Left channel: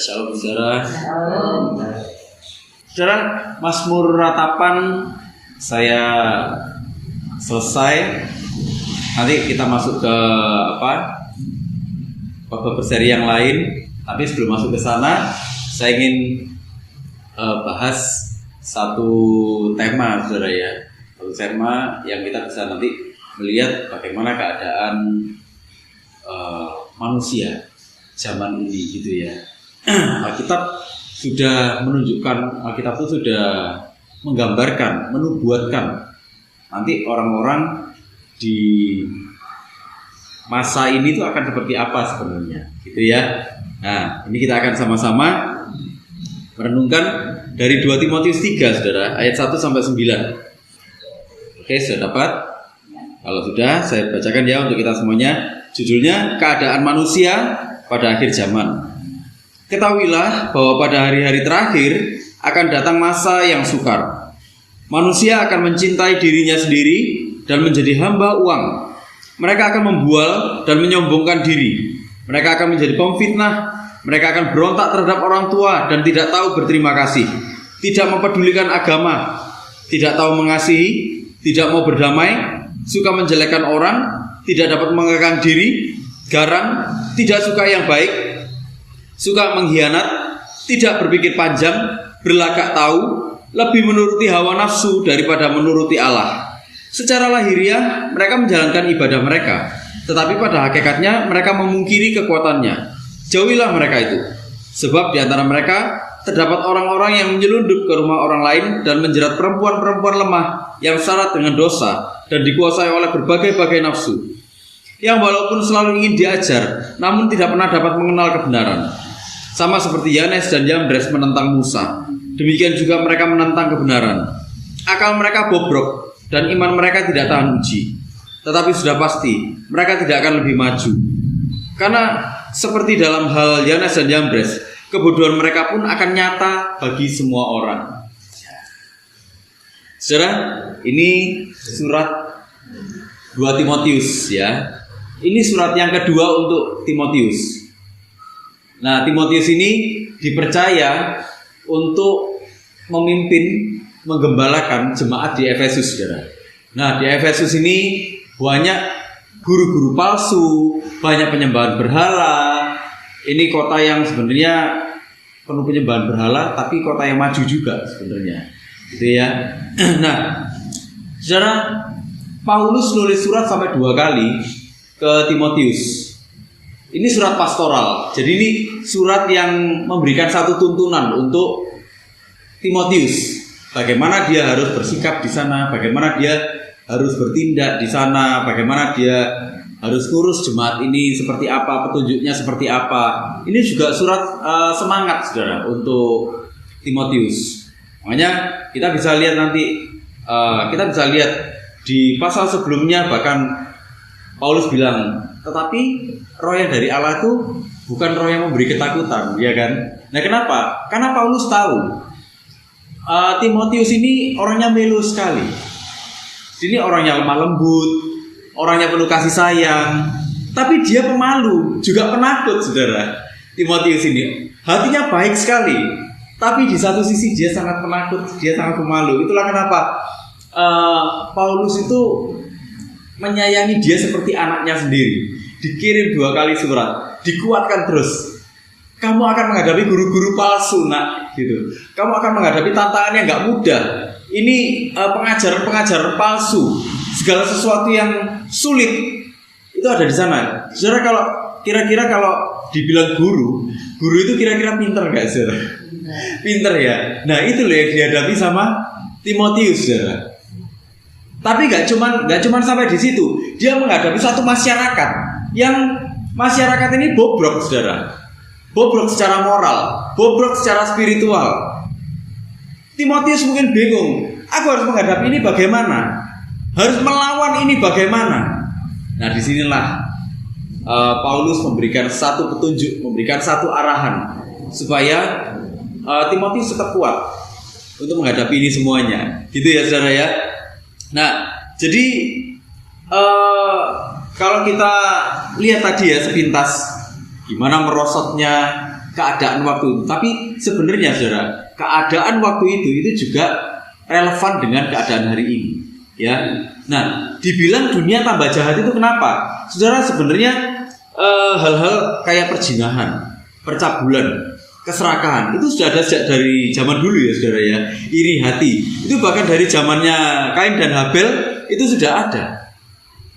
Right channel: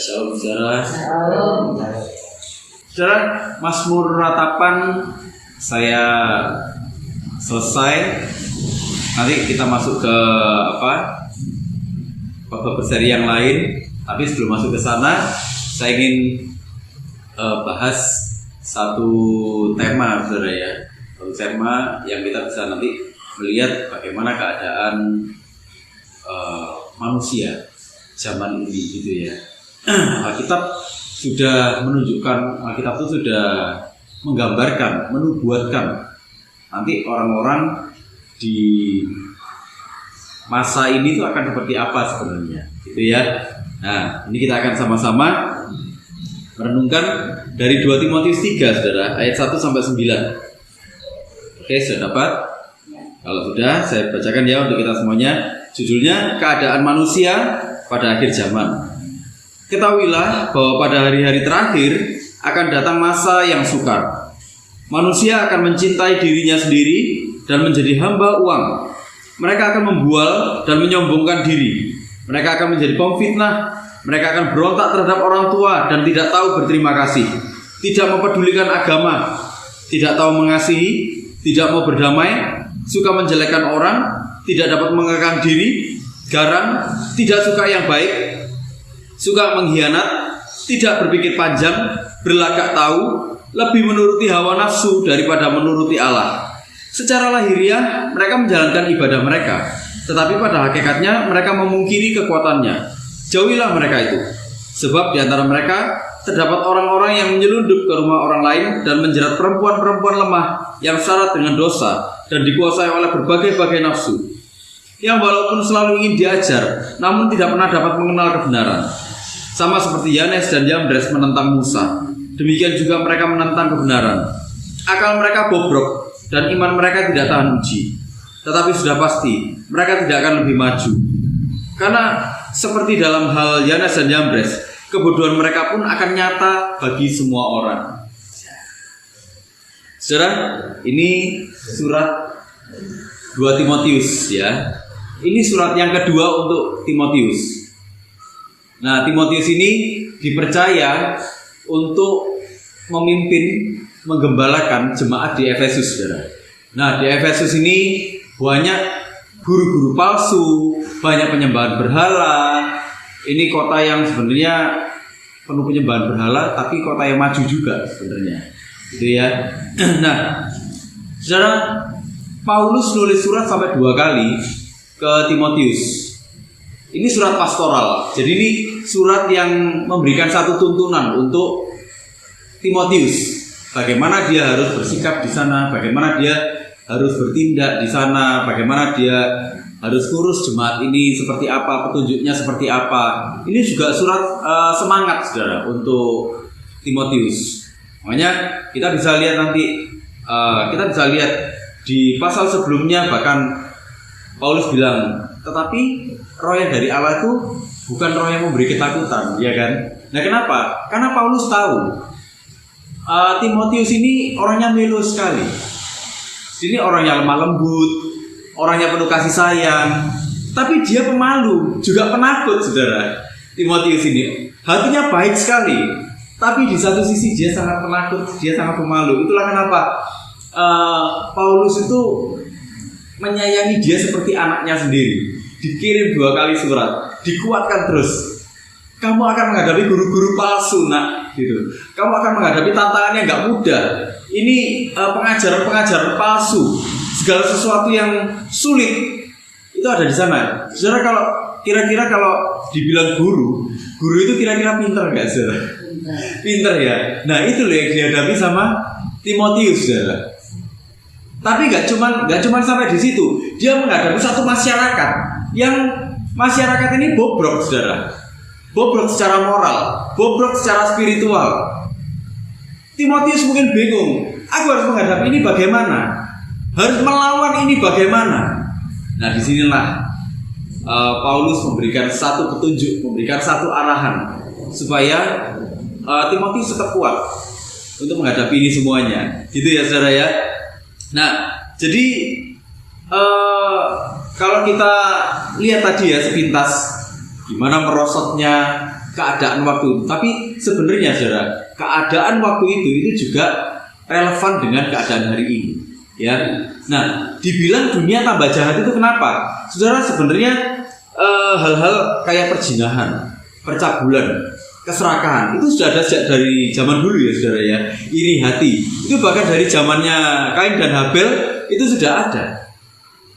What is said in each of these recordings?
Shalom saudara. Saudara, Mazmur Ratapan saya selesai. Nanti kita masuk ke bab berseri yang lain. Tapi sebelum masuk ke sana, saya ingin bahas satu tema, saudara ya. Satu tema yang kita bisa nanti melihat bagaimana keadaan manusia zaman ini gitu ya. Alkitab sudah menunjukkan, Alkitab itu sudah menggambarkan, menubuatkan nanti orang-orang di masa ini itu akan seperti apa sebenarnya, gitu ya. Nah, ini kita akan sama-sama merenungkan dari 2 Timotius 3, saudara, ayat 1 sampai 9. Oke, sudah dapat? Kalau sudah, saya bacakan ya untuk kita semuanya. Judulnya Keadaan Manusia pada Akhir Zaman. Ketahuilah bahwa pada hari-hari terakhir akan datang masa yang sukar. Manusia akan mencintai dirinya sendiri dan menjadi hamba uang. Mereka akan membual dan menyombongkan diri. Mereka akan menjadi pemfitnah. Mereka akan berontak terhadap orang tua dan tidak tahu berterima kasih. Tidak mempedulikan agama. Tidak tahu mengasihi. Tidak mau berdamai. Suka menjelekkan orang. Tidak dapat mengekang diri. Garang. Tidak suka yang baik. Suka mengkhianat, tidak berpikir panjang, berlagak tahu, lebih menuruti hawa nafsu daripada menuruti Allah. Secara lahiriah mereka menjalankan ibadah mereka, tetapi pada hakikatnya mereka memungkiri kekuatannya. Jauhilah mereka itu, sebab di antara mereka terdapat orang-orang yang menyelundup ke rumah orang lain dan menjerat perempuan-perempuan lemah yang syarat dengan dosa dan dikuasai oleh berbagai-bagai nafsu, yang walaupun selalu ingin diajar, namun tidak pernah dapat mengenal kebenaran. Sama seperti Yanes dan Yambres menentang Musa, demikian juga mereka menentang kebenaran. Akal mereka bobrok dan iman mereka tidak tahan uji. Tetapi sudah pasti mereka tidak akan lebih maju. Karena seperti dalam hal Yanes dan Yambres, kebodohan mereka pun akan nyata bagi semua orang. Saudara, ini surat 2 Timotius ya. Ini surat yang kedua untuk Timotius. Nah, Timotius ini dipercaya untuk memimpin, menggembalakan jemaat di Efesus, saudara. Nah, di Efesus ini banyak guru-guru palsu, banyak penyembahan berhala. Ini kota yang sebenarnya penuh penyembahan berhala, tapi kota yang maju juga sebenarnya, gitu ya. Nah, saudara, Paulus nulis surat sampai 2 kali ke Timotius. Ini surat pastoral. Jadi ini surat yang memberikan satu tuntunan untuk Timotius. Bagaimana dia harus bersikap di sana, bagaimana dia harus bertindak di sana, bagaimana dia harus ngurus jemaat ini seperti apa, petunjuknya seperti apa. Ini juga surat semangat, saudara, untuk Timotius. Makanya kita bisa lihat nanti, kita bisa lihat di pasal sebelumnya bahkan Paulus bilang, tetapi roh yang dari Allah itu bukan roh yang memberi ketakutan, ya kan? Nah, kenapa? Karena Paulus tahu Timotius ini orangnya melo sekali. Ini orangnya lemah lembut, orangnya penuh kasih sayang, tapi dia pemalu, juga penakut, saudara. Timotius ini hatinya baik sekali, tapi di satu sisi dia sangat penakut, dia sangat pemalu. Itulah kenapa Paulus itu menyayangi dia seperti anaknya sendiri. Dikirim 2 kali surat, dikuatkan terus. Kamu akan menghadapi guru-guru palsu, nak, gitu. Kamu akan menghadapi tantangan yang nggak mudah. Ini pengajaran-pengajaran palsu, segala sesuatu yang sulit itu ada di sana. Saudara, kalau kira-kira kalau dibilang guru itu kira-kira pinter nggak, saudara? Pinter ya. Nah, itu loh yang dihadapi sama Timotius, saudara. Tapi nggak cuman sampai di situ. Dia menghadapi satu masyarakat yang masyarakat ini bobrok, saudara. Bobrok secara moral, bobrok secara spiritual. Timotius mungkin bingung. Aku harus menghadapi ini bagaimana? Harus melawan ini bagaimana? Nah, disinilah Paulus memberikan satu petunjuk, memberikan satu arahan supaya Timotius tetap kuat untuk menghadapi ini semuanya. Gitu ya, saudara ya. Nah, jadi kalau kita lihat tadi ya sepintas gimana merosotnya keadaan waktu itu. Tapi sebenarnya saudara, keadaan waktu itu juga relevan dengan keadaan hari ini. Ya, nah, dibilang dunia tambah jahat itu kenapa? Saudara, sebenarnya hal-hal kayak perzinahan, percabulan, keserakahan itu sudah ada sejak dari zaman dulu ya saudara ya. Iri hati itu bahkan dari zamannya Kain dan Habel itu sudah ada.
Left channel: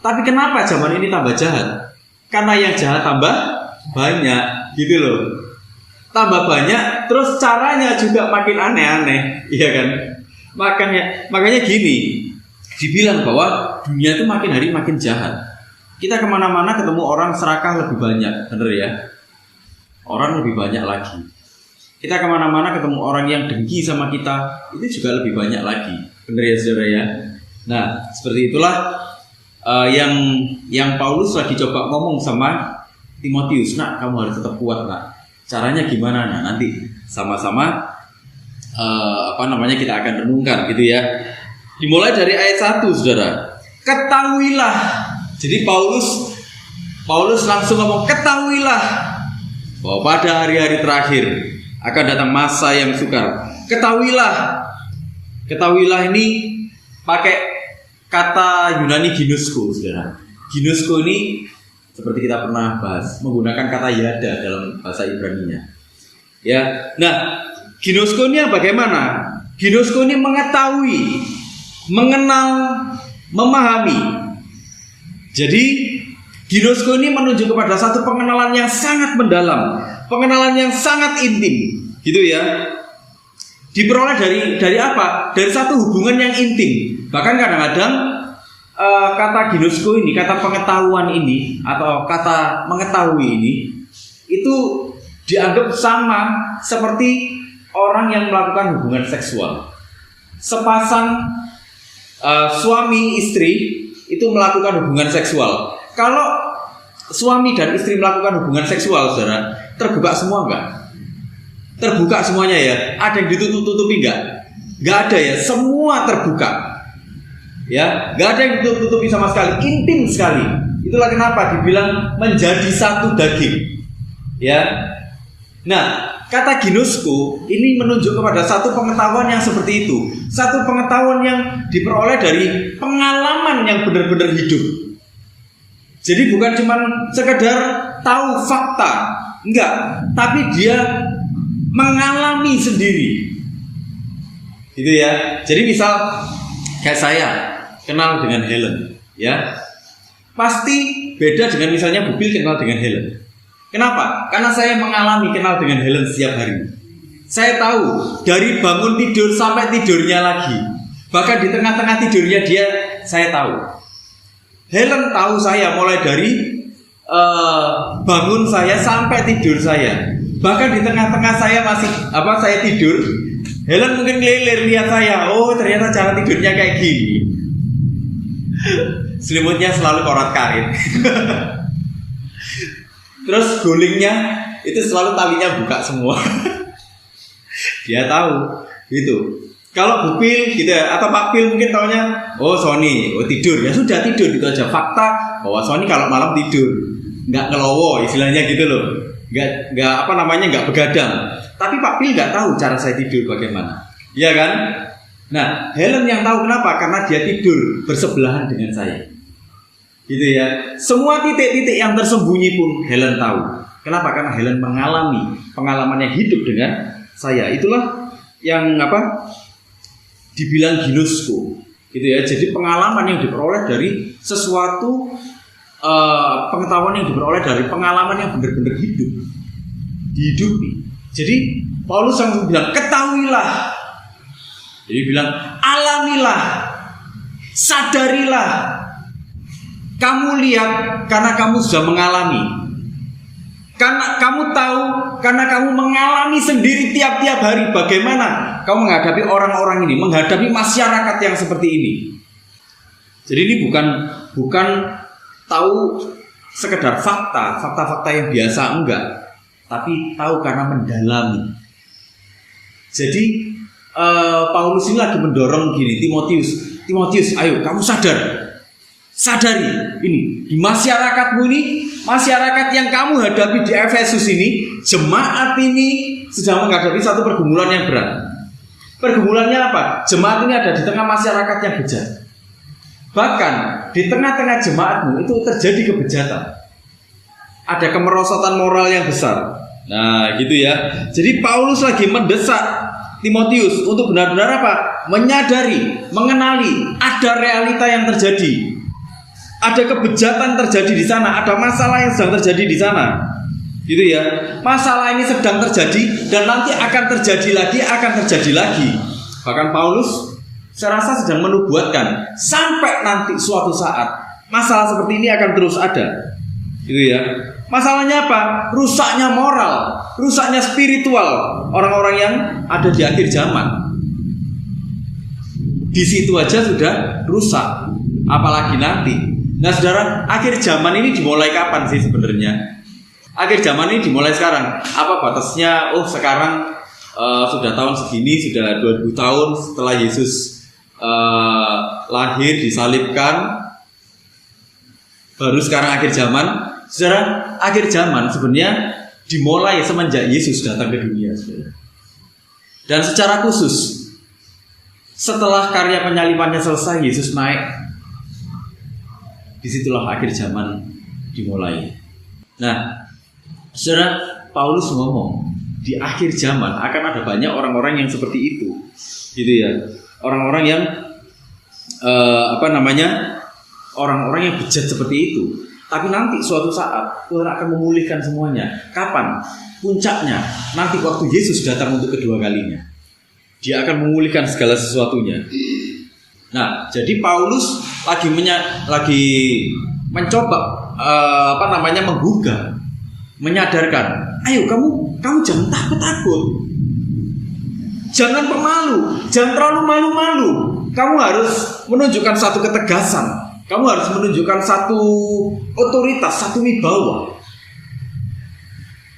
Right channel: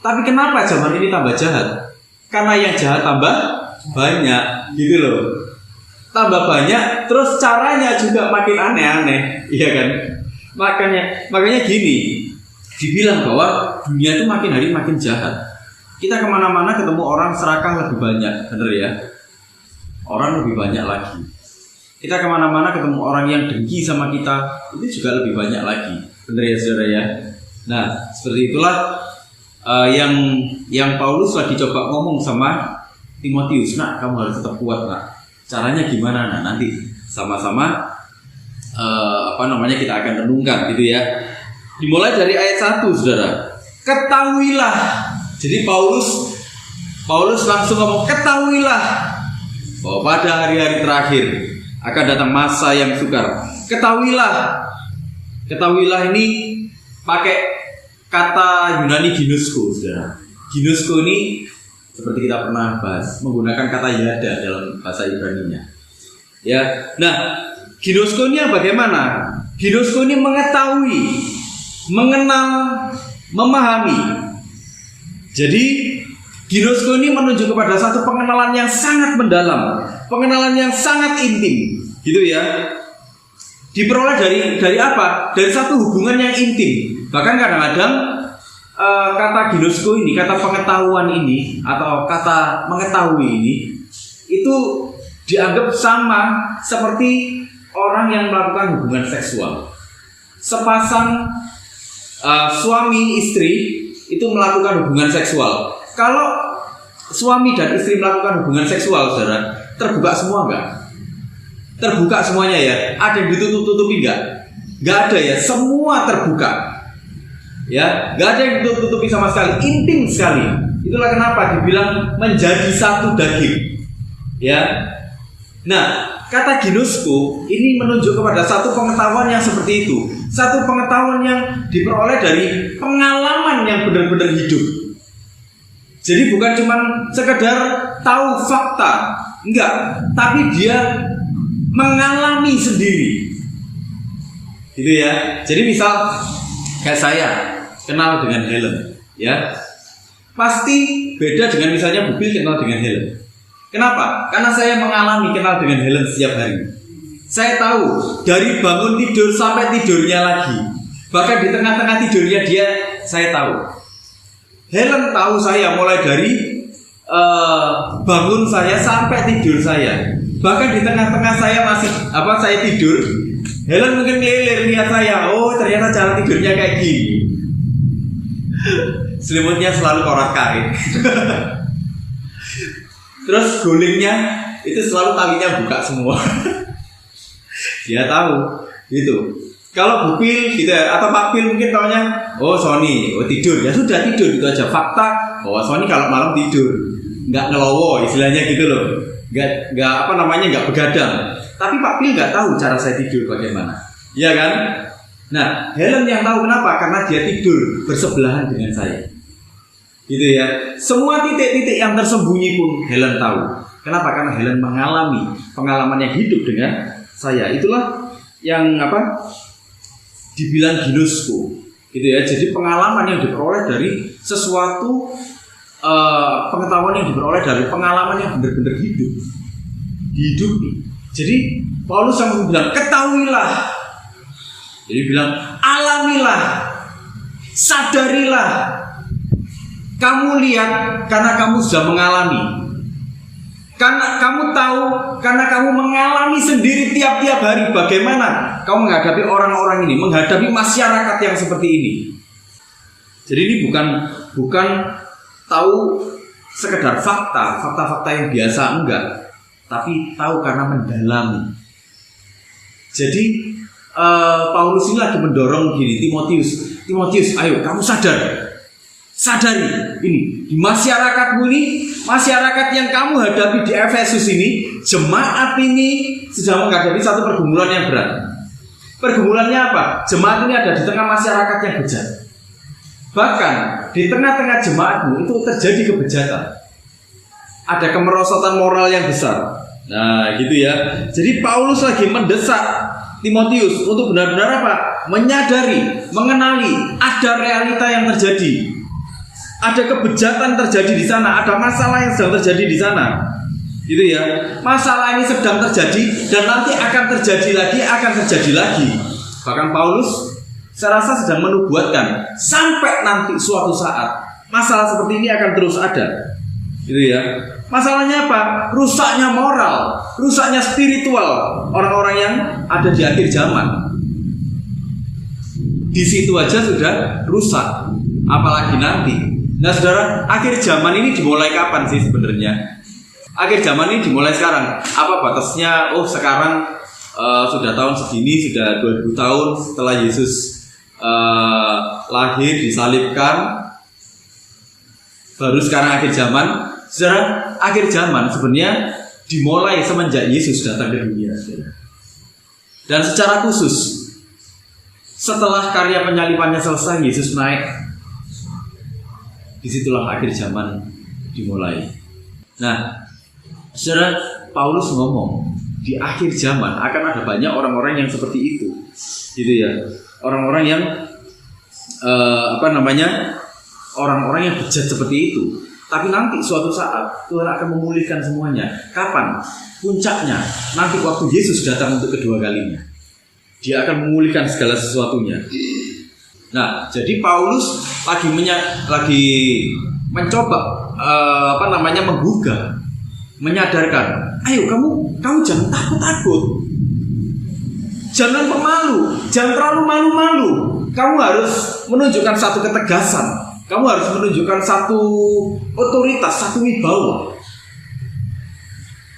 Tapi kenapa zaman ini tambah jahat? Karena yang jahat tambah banyak, gitu loh. Tambah banyak, terus caranya juga makin aneh-aneh, iya kan? Makanya gini, dibilang bahwa dunia itu makin hari makin jahat. Kita kemana-mana ketemu orang serakah lebih banyak, bener ya? Orang lebih banyak lagi. Kita kemana-mana ketemu orang yang dengki sama kita, itu juga lebih banyak lagi, bener ya saudara ya? Nah, seperti itulah yang Paulus lagi coba ngomong sama Timotius. Nah, kamu harus tetap kuat, nak. Caranya gimana? Nah, nanti sama-sama kita akan renungkan gitu ya. Dimulai dari ayat 1, saudara. Ketahuilah. Jadi Paulus langsung ngomong, ketahuilah bahwa pada hari-hari terakhir akan datang masa yang sukar. Ketahuilah ini pakai kata Yunani ginosko, saudara. Ginosko ini seperti kita pernah bahas, menggunakan kata yada dalam bahasa Ibrani-nya. Ya, nah, ginosko ini bagaimana? Ginosko ini mengetahui, mengenal, memahami. Jadi ginosko ini menunjuk kepada satu pengenalan yang sangat mendalam, pengenalan yang sangat intim, gitu ya. Diperoleh dari apa? Dari satu hubungan yang intim. Bahkan kadang-kadang kata ginosko ini, kata pengetahuan ini atau kata mengetahui ini itu dianggap sama seperti orang yang melakukan hubungan seksual. Sepasang suami istri itu melakukan hubungan seksual. Kalau suami dan istri melakukan hubungan seksual, saudara, terbuka semua enggak? Terbuka semuanya ya? Ada yang ditutup-tutupi enggak? Enggak ada ya, semua terbuka. Ya, enggak ada yang ditutup-tutupi sama sekali, intim sekali. Itulah kenapa dibilang menjadi satu daging. Ya. Nah, kata ginosko ini menunjuk kepada satu pengetahuan yang seperti itu. Satu pengetahuan yang diperoleh dari pengalaman yang benar-benar hidup. Jadi bukan cuma sekedar tahu fakta, enggak, tapi dia mengalami sendiri. Gitu ya. Jadi misal kayak saya kenal dengan Helen, ya. Pasti beda dengan misalnya Bubil kenal dengan Helen. Kenapa? Karena saya mengalami kenal dengan Helen setiap hari. Saya tahu dari bangun tidur sampai tidurnya lagi. Bahkan di tengah-tengah tidurnya dia, saya tahu. Helen tahu saya mulai dari bangun saya sampai tidur saya. Bahkan di tengah-tengah saya tidur, Helen mungkin ngelilir lihat saya. Oh, ternyata cara tidurnya kayak gini. Selimutnya selalu korat kain. Terus gulingnya itu selalu talinya buka semua. Dia tahu gitu. Kalau Bupil gitu ya, atau Pak Pil mungkin taunya, oh Sony, oh tidur, ya sudah tidur gitu aja. Fakta bahwa Sony kalau malam tidur, nggak ngelowo istilahnya gitu loh, nggak begadang. Tapi Pak Pil nggak tahu cara saya tidur bagaimana, iya kan? Nah, Helen yang tahu kenapa? Karena dia tidur bersebelahan dengan saya, gitu ya. Semua titik-titik yang tersembunyi pun Helen tahu. Kenapa? Karena Helen mengalami pengalaman yang hidup dengan saya. Itulah yang dibilang ginosko, gitu ya. Jadi pengalaman yang diperoleh dari sesuatu, pengetahuan yang diperoleh dari pengalaman yang benar-benar dihidupi. Jadi Paulus yang bilang ketahuilah, jadi bilang alamilah, sadarilah, kamu lihat karena kamu sudah mengalami. Karena kamu tahu, karena kamu mengalami sendiri tiap-tiap hari bagaimana kamu menghadapi orang-orang ini, menghadapi masyarakat yang seperti ini. Jadi ini bukan tahu sekedar fakta yang biasa, enggak, tapi tahu karena mendalami. Jadi Paulus ini lagi mendorong gini, Timotius, ayo kamu sadari ini di masyarakatmu ini masyarakat yang kamu hadapi di Efesus ini, jemaat ini sedang menghadapi satu pergumulan yang berat. Pergumulannya apa? Jemaat ini ada di tengah masyarakat yang bejat. Bahkan di tengah-tengah jemaatmu itu terjadi kebejatan. Ada kemerosotan moral yang besar. Nah, gitu ya. Jadi Paulus lagi mendesak Timotius untuk benar-benar apa? Menyadari, mengenali ada realita yang terjadi. Ada kebejatan terjadi di sana, ada masalah yang sedang terjadi di sana. Gitu ya. Masalah ini sedang terjadi dan nanti akan terjadi lagi. Bahkan Paulus saya rasa sedang menubuatkan sampai nanti suatu saat masalah seperti ini akan terus ada. Gitu ya. Masalahnya apa? Rusaknya moral, rusaknya spiritual orang-orang yang ada di akhir zaman. Di situ aja sudah rusak, apalagi nanti. Nah, saudara, akhir zaman ini dimulai kapan sih sebenarnya? Akhir zaman ini dimulai sekarang. Apa batasnya? Oh, sekarang sudah tahun segini, sudah 2000 tahun setelah Yesus lahir, disalibkan, baru sekarang akhir zaman. Saudara, akhir zaman sebenarnya dimulai semenjak Yesus datang ke dunia, saudara. Dan secara khusus setelah karya penyalibannya selesai, Yesus naik. Disitulah akhir zaman dimulai. Nah, saudara, Paulus ngomong di akhir zaman akan ada banyak orang-orang yang seperti itu, gitu ya. Orang-orang yang orang-orang yang bejat seperti itu. Tapi nanti suatu saat Tuhan akan memulihkan semuanya. Kapan? Puncaknya nanti waktu Yesus datang untuk kedua kalinya. Dia akan memulihkan segala sesuatunya. Nah, jadi Paulus lagi mencoba menggugah, menyadarkan, ayo kamu jangan takut-takut, jangan pemalu, jangan terlalu malu-malu. Kamu harus menunjukkan satu ketegasan, kamu harus menunjukkan satu otoritas, satu wibawa.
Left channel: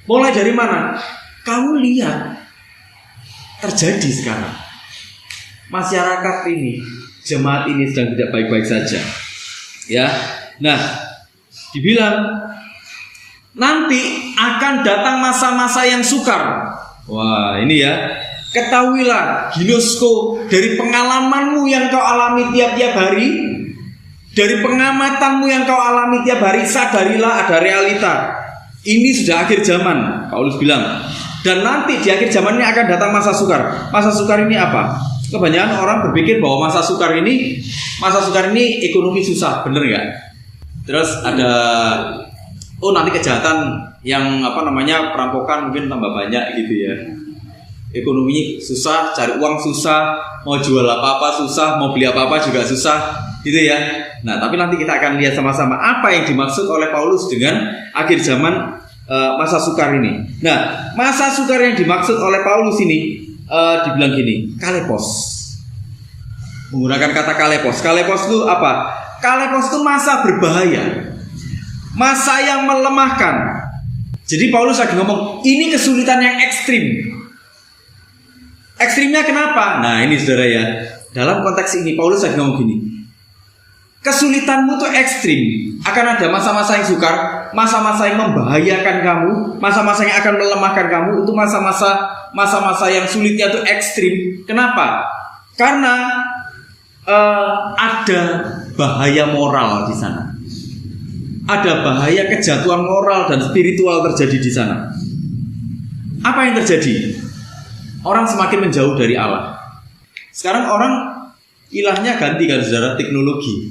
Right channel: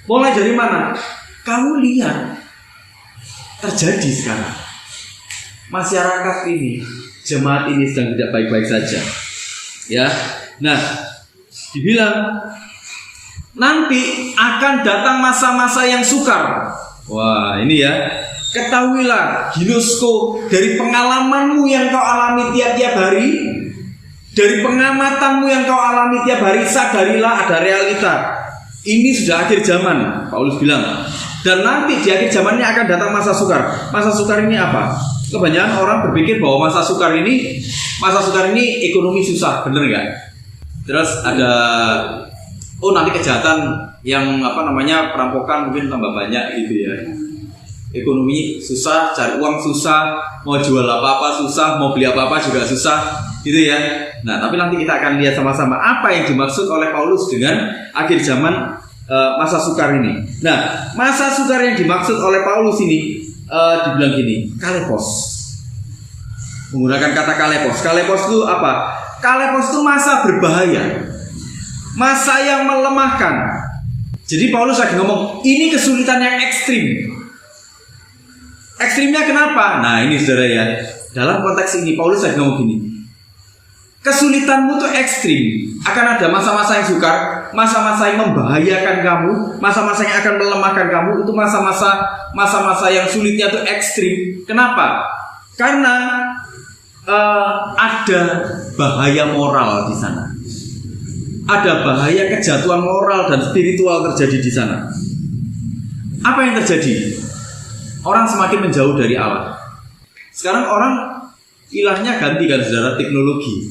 Mulai dari mana? Kamu lihat terjadi sekarang. Masyarakat ini, jemaat ini sedang tidak baik-baik saja. Ya. Nah, dibilang nanti akan datang masa-masa yang sukar. Wah, ini ya. Ketahuilah, ginosko, dari pengalamanmu yang kau alami tiap-tiap hari, dari pengamatanmu yang kau alami tiap hari, sadarilah ada realita. Ini sudah akhir zaman, Paulus bilang. Dan nanti di akhir zamannya akan datang masa sukar. Masa sukar ini apa? Kebanyakan orang berpikir bahwa masa sukar ini ekonomi susah, bener nggak? Terus ada nanti kejahatan yang perampokan mungkin tambah banyak gitu ya. Ekonomi susah, cari uang susah, mau jual apa-apa susah, mau beli apa-apa juga susah, gitu ya. Nah, tapi nanti kita akan lihat sama-sama apa yang dimaksud oleh Paulus dengan akhir zaman masa sukar ini. Nah, masa sukar yang dimaksud oleh Paulus ini dibilang gini, kalepos. Menggunakan kata kalepos. Kalepos itu apa? Kalepos itu masa berbahaya, masa yang melemahkan. Jadi Paulus lagi ngomong, ini kesulitan yang ekstrim. Ekstrimnya kenapa? Nah, ini saudara ya. Dalam konteks ini Paulus lagi ngomong gini, kesulitanmu tuh ekstrim. Akan ada masa-masa yang sukar, masa-masa yang membahayakan kamu, masa-masa yang akan melemahkan kamu. Itu masa-masa yang sulitnya tuh ekstrim. Kenapa? Karena ada bahaya moral di sana. Ada bahaya kejatuhan moral dan spiritual terjadi di sana. Apa yang terjadi? Orang semakin menjauh dari Allah. Sekarang orang ilahnya ganti kan, saudara, teknologi.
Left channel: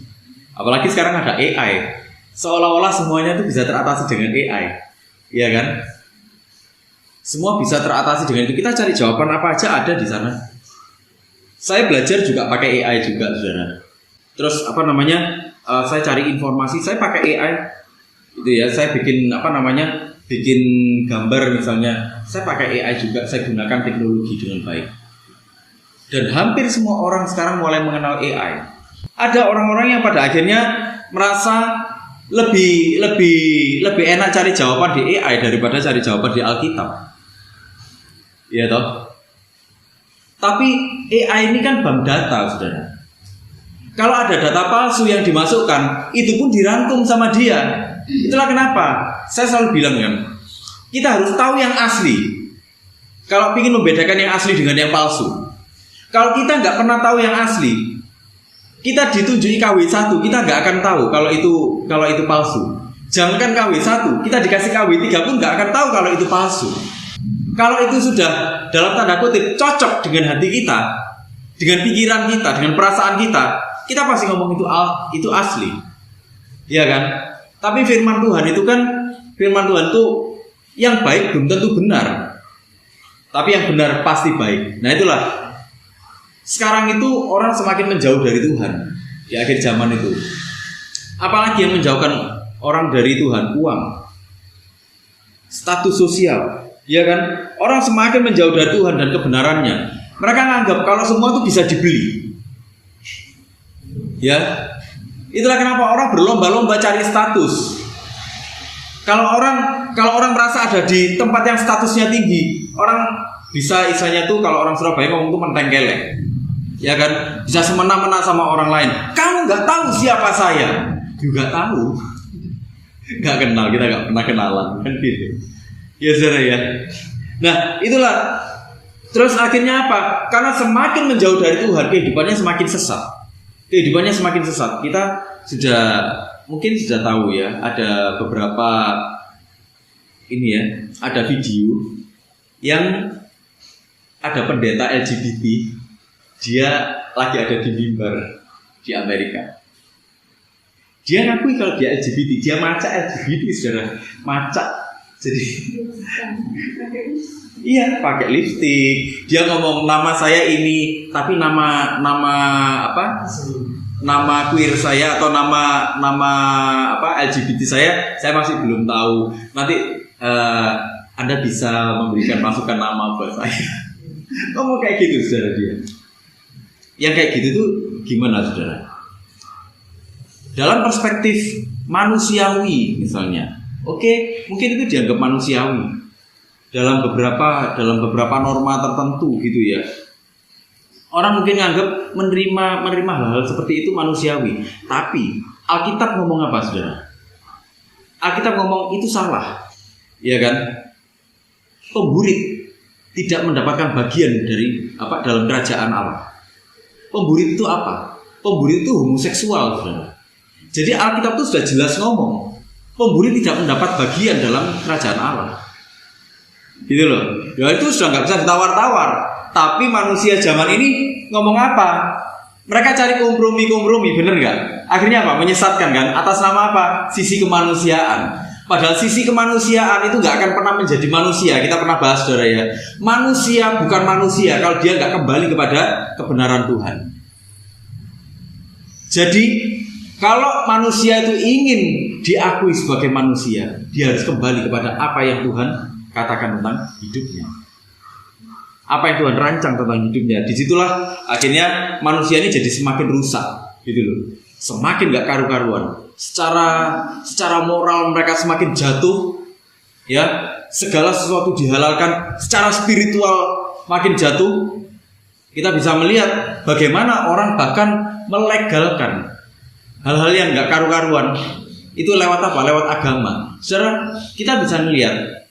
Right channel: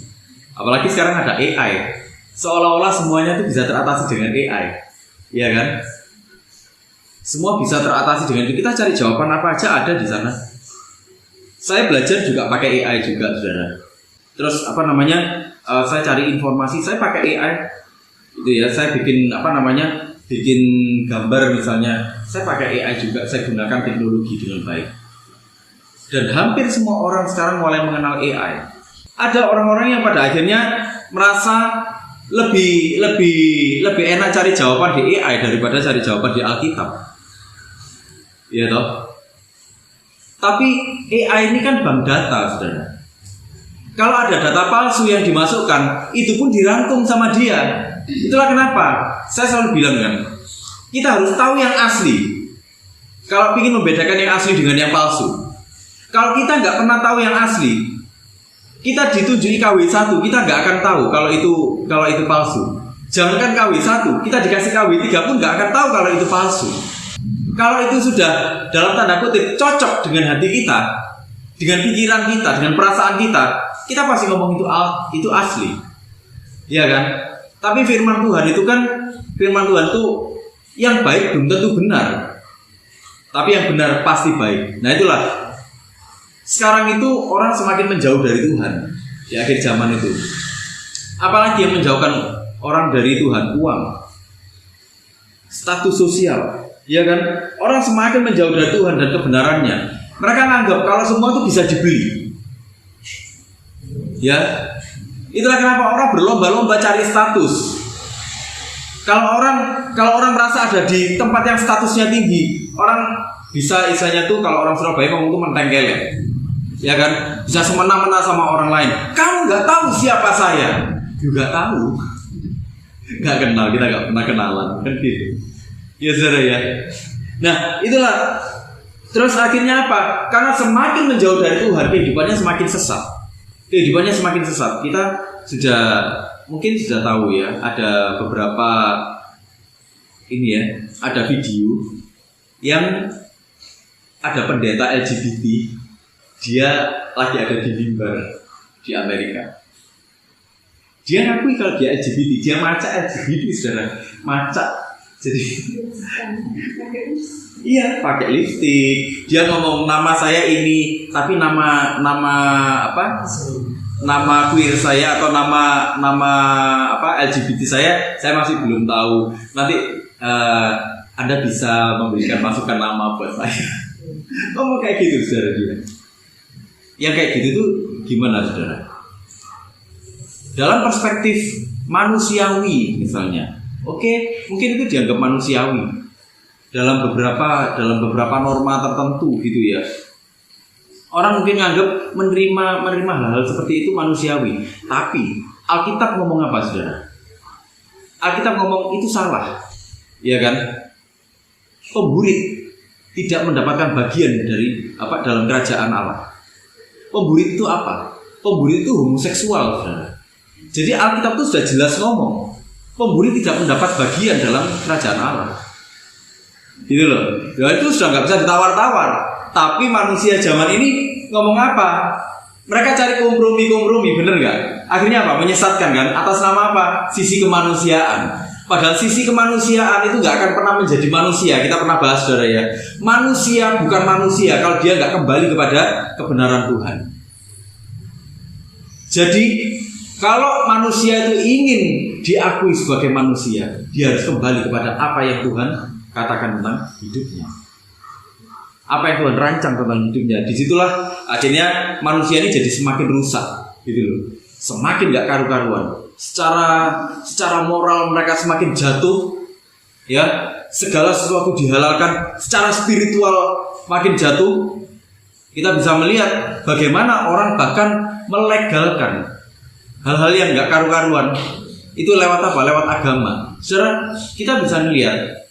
Apalagi sekarang ada AI. Seolah-olah semuanya itu bisa teratasi dengan AI. Iya kan? Semua bisa teratasi dengan itu. Kita cari jawaban apa aja ada di sana. Saya belajar juga pakai AI juga, saudara. Terus saya cari informasi, saya pakai AI. Itu ya, saya bikin bikin gambar misalnya, saya pakai AI juga, saya gunakan teknologi dengan baik. Dan hampir semua orang sekarang mulai mengenal AI. Ada orang-orang yang pada akhirnya merasa lebih enak cari jawaban di AI daripada cari jawaban di Alkitab. Iya toh? Tapi AI ini kan bank data, saudara. Kalau ada data palsu yang dimasukkan, itu pun dirangkum sama dia. Itulah kenapa saya selalu bilang kan, kita harus tahu yang asli. Kalau ingin membedakan yang asli dengan yang palsu. Kalau kita nggak pernah tahu yang asli, kita ditunjuki KW1, kita nggak akan tahu kalau itu palsu. Jangankan KW1, kita dikasih KW3 pun nggak akan tahu kalau itu palsu. Kalau itu sudah dalam tanda kutip cocok dengan hati kita, dengan pikiran kita, dengan perasaan kita pasti ngomong itu asli. Iya kan? Tapi firman Tuhan itu yang baik belum tentu benar. Tapi yang benar pasti baik. Nah itulah. Sekarang itu orang semakin menjauh dari Tuhan di akhir zaman itu. Apalagi yang menjauhkan orang dari Tuhan? Uang, status sosial, ya kan? Orang semakin menjauh dari Tuhan dan kebenarannya. Mereka menganggap kalau semua itu bisa dibeli. Ya, itulah kenapa orang berlomba-lomba cari status. Kalau orang merasa ada di tempat yang statusnya tinggi, orang bisa istilahnya tuh kalau orang Surabaya ngomong tuh menteng kelek. Ya kan, bisa semena-mena sama orang lain. Kamu nggak tahu siapa saya, juga tahu. Nggak kenal, kita nggak pernah kenalan kan gitu. Ya saudara ya. Nah itulah. Terus akhirnya apa? Karena semakin menjauh dari Tuhan, kehidupannya semakin sesat. Kita mungkin sudah tahu ya, ada beberapa ada video yang ada pendeta LGBT, dia lagi ada di mimbar di Amerika. Dia ngakui kalau dia LGBT, dia macak LGBT, saudara, macak. Jadi iya, pakai lipstik. Dia ngomong nama saya ini, tapi nama queer saya atau nama LGBT saya masih belum tahu. Nanti Anda bisa memberikan masukan nama buat saya. Ngomong kayak gitu, saudara dia. Yang kayak gitu tuh gimana, saudara? Dalam perspektif manusiawi misalnya, oke, mungkin itu dianggap manusiawi dalam beberapa norma tertentu gitu ya. Orang mungkin anggap menerima hal-hal seperti itu manusiawi. Tapi Alkitab ngomong apa, saudara? Alkitab ngomong itu salah, ya kan? Pemburit tidak mendapatkan bagian dalam kerajaan Allah. Pemburit itu apa? Pemburit itu homoseksual, saudara. Jadi Alkitab itu sudah jelas ngomong, pemburi tidak mendapat bagian dalam kerajaan Allah. Gitu loh. Ya itu sudah nggak bisa ditawar-tawar. Tapi manusia zaman ini ngomong apa? Mereka cari kompromi, bener nggak? Akhirnya apa? Menyesatkan kan? Atas nama apa? Sisi kemanusiaan. Padahal sisi kemanusiaan itu nggak akan pernah menjadi manusia. Kita pernah bahas, saudara ya. Manusia bukan manusia kalau dia nggak kembali kepada kebenaran Tuhan. Jadi kalau manusia itu ingin diakui sebagai manusia, dia harus kembali kepada apa yang Tuhan katakan tentang hidupnya, apa yang Tuhan rancang tentang hidupnya. Disitulah akhirnya manusia ini jadi semakin rusak, gitu loh, semakin gak karu-karuan. Secara moral mereka semakin jatuh, ya. Segala sesuatu dihalalkan. Secara spiritual makin jatuh. Kita bisa melihat bagaimana orang bahkan melegalkan hal-hal yang nggak karu-karuan itu lewat apa? Lewat agama. Saudara, kita bisa melihat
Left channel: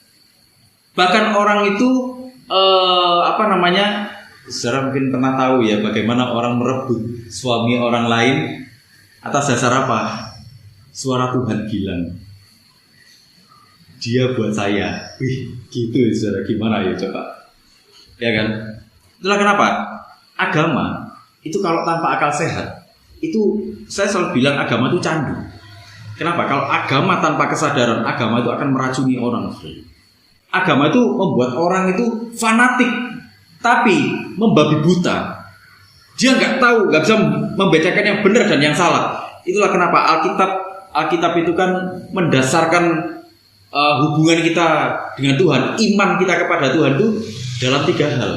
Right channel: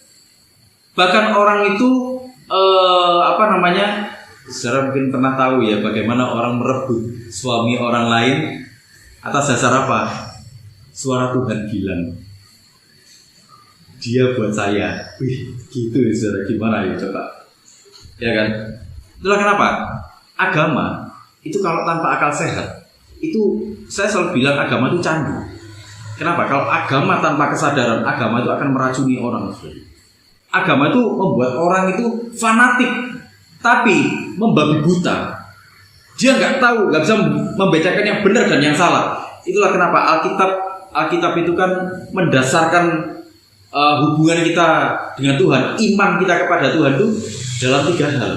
bahkan orang itu saudara mungkin pernah tahu ya bagaimana orang merebut suami orang lain atas dasar apa? Suara Tuhan bilang, dia buat saya. Wih, gitu ya saudara, gimana ya coba? Ya kan? Itulah kenapa agama itu kalau tanpa akal sehat, itu saya selalu bilang agama itu candu. Kenapa? Kalau agama tanpa kesadaran, agama itu akan meracuni orang. Agama itu membuat orang itu fanatik, tapi membabi buta. Dia nggak tahu, nggak bisa membedakan yang benar dan yang salah. Itulah kenapa Alkitab itu kan mendasarkan hubungan kita dengan Tuhan, iman kita kepada Tuhan itu dalam 3 hal,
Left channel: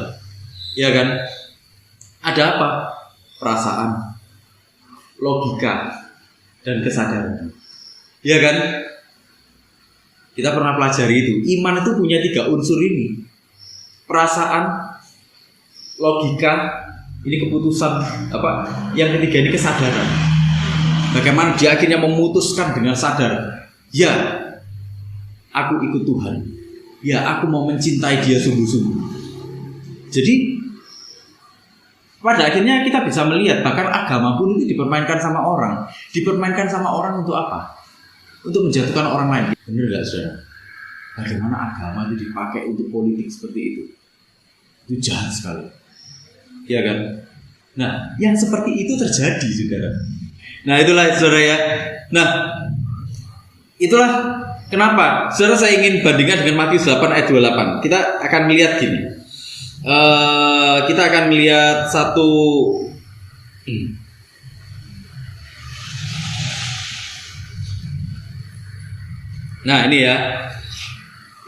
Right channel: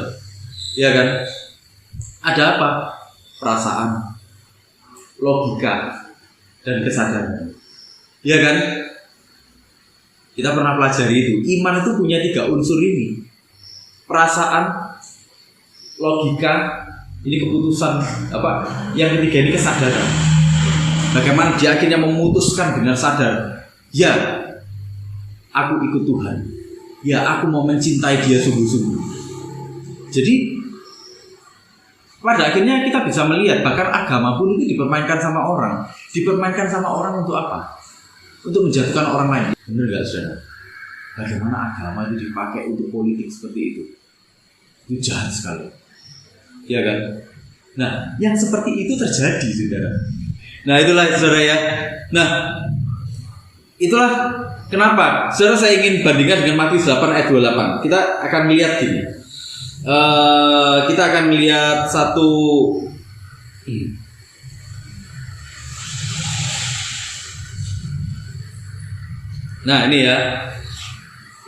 ya kan? Ada apa? Perasaan, logika, dan kesadaran. Ya kan? Kita pernah pelajari itu. Iman itu punya 3 unsur ini. Perasaan, logika, ini keputusan Yang ketiga ini kesadaran. Bagaimana dia akhirnya memutuskan dengan sadar ya aku ikut Tuhan, ya aku mau mencintai Dia sungguh-sungguh. Jadi pada akhirnya kita bisa melihat bahkan agama pun itu dipermainkan sama orang. Dipermainkan sama orang untuk apa? Untuk menjatuhkan orang lain. Benar gak saudara? Bagaimana agama itu dipakai untuk politik seperti itu? Itu jahat sekali. Ya kan? Nah, yang seperti itu terjadi, saudara. Nah, itulah saudara ya. Nah, itulah kenapa saudara saya ingin bandingkan dengan Matius 8 ayat 28. Kita akan melihat gini. Kita akan melihat satu Nah, ini ya.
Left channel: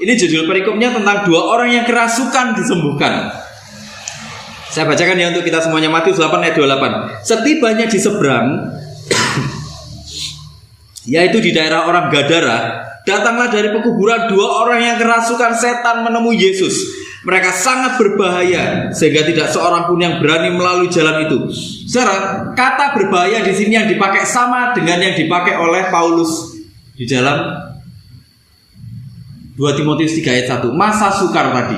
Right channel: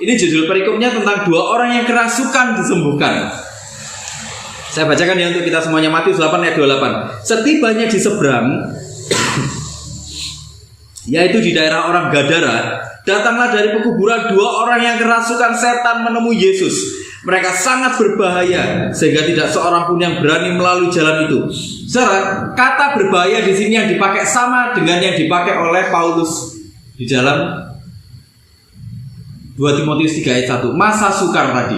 Ini judul perikopnya tentang 2 orang yang kerasukan disembuhkan. Saya bacakan ya untuk kita semuanya. Matius 8 ayat 28. Setibanya di seberang yaitu di daerah orang Gadara, datanglah dari pekuburan 2 orang yang kerasukan setan menemui Yesus. Mereka sangat berbahaya sehingga tidak seorang pun yang berani melalui jalan itu. Saudara, kata berbahaya di sini yang dipakai sama dengan yang dipakai oleh Paulus di dalam 2 Timotius 3 ayat 1. Masa sukar tadi.